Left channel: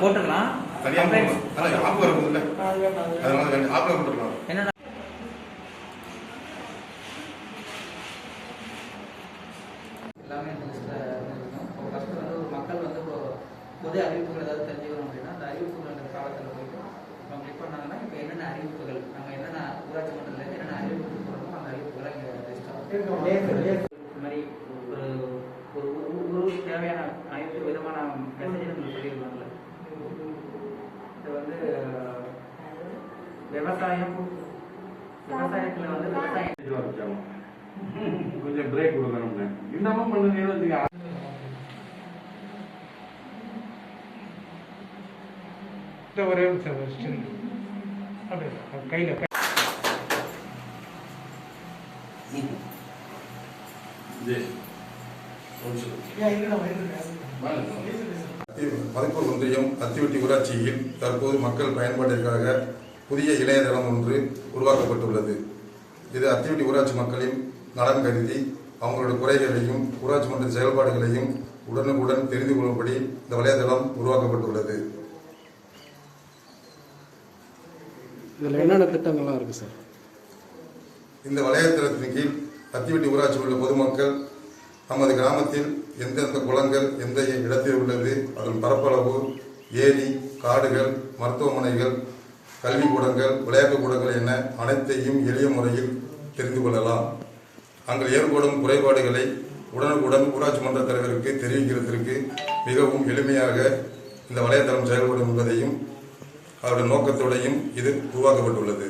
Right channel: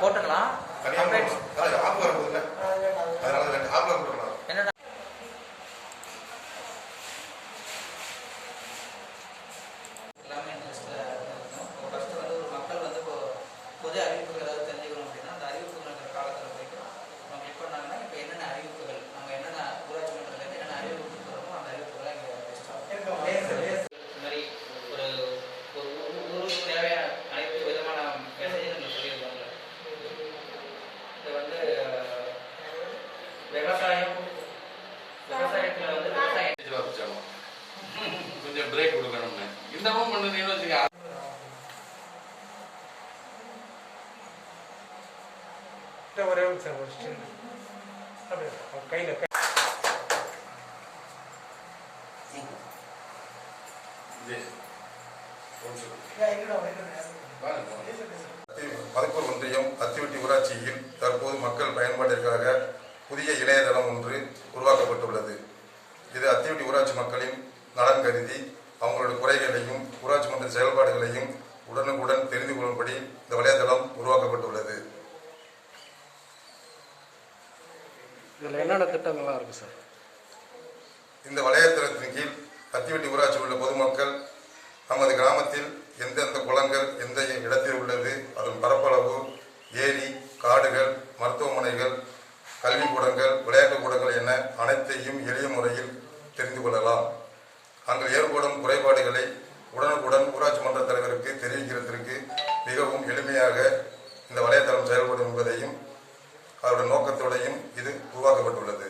போட்டுக்கலாம். என்னன்னா எல்லாமே ஃபர்ஸ்ட் வந்து ஒரு மக்கள் வந்து இப்போ பொது அறிவிப்புகள் ஏதாவது தெரிஞ்சுக்கணும் அப்படின்னா அந்த அறிவிப்புகள் காலத்தில் போயிட்டு நம்ம கிளிக் பண்ணாங்கன்னா இப்போ என்னென்ன அறிவிப்புகள் நம்ம என்னென்ன ஊராட்சி மன்றத்தில் என்னென்ன அறிவிப்புகள் சொல்லணுமோ அந்த அறிவிப்புகளை இங்கே இந்த மாதிரி ஒரு ஊருக்கு தேவையான அனைத்து விதமான மெசேஜ் சொல்லியிருக்கோம்ல. இது வந்து விவசாயத்தில் வந்து விவசாயம் கொஞ்சம் பிரேக் கொடுக்கணும்னு இன்னமும் பண்ணுறீங்கன்னு வச்சுக்க. ஒரே கையில் மதிப்பூர் ஒன்றியம் அத்திவட்டி ஊராட்சியில் தற்போது மக்கள் பயன்பாட்டிற்காக புதிய இணையதளம் ஒன்று உருவாக்கப்பட்டுள்ளது. இது அத்திவட்டி ஊராட்சி மக்களின் நலன் கருதி அவங்களுடைய குறைகளையும் ஊராட்சி மன்ற செயல்பாடுகளையும் உடனுக்குடன் தெரிந்து கொள்ளும்படி இந்த வலைதளம் உருவாக்கப்பட்டுள்ளது. இதில் என்னென்ன திட்டங்கள்லாம் இருக்கு சார்? இந்த வலைதளத்தின் கீழ் அத்திவட்டி ஊராட்சியில் உள்ள பொதுமக்கள் நமது கிராமத்தில் எந்தெந்த குளங்கள் எந்த இடத்தில் உள்ளது, அதன் பரப்பளவு, ஏரி, காடுகள், மருத்துவமனைகள், கல்விக்கூடங்கள், விளையாட்டுக் கூடங்கள் என அனைத்தையும் எளிய முறையில் தெரிந்து கொள்ளலாம். அங்கு ஏற்படும் குறைபாடுகளை உடனுக்குடன் ஊராட்சி மன்ற தலைவருக்கு தெரிவிக்கிறதற்கு மிகவும் எளிமையாக இந்த வலைதளம் செயல்படும் என்பதையும் அதோட நோக்கத்தோடையும் இது உருவாக்கப்பட்டுள்ளது.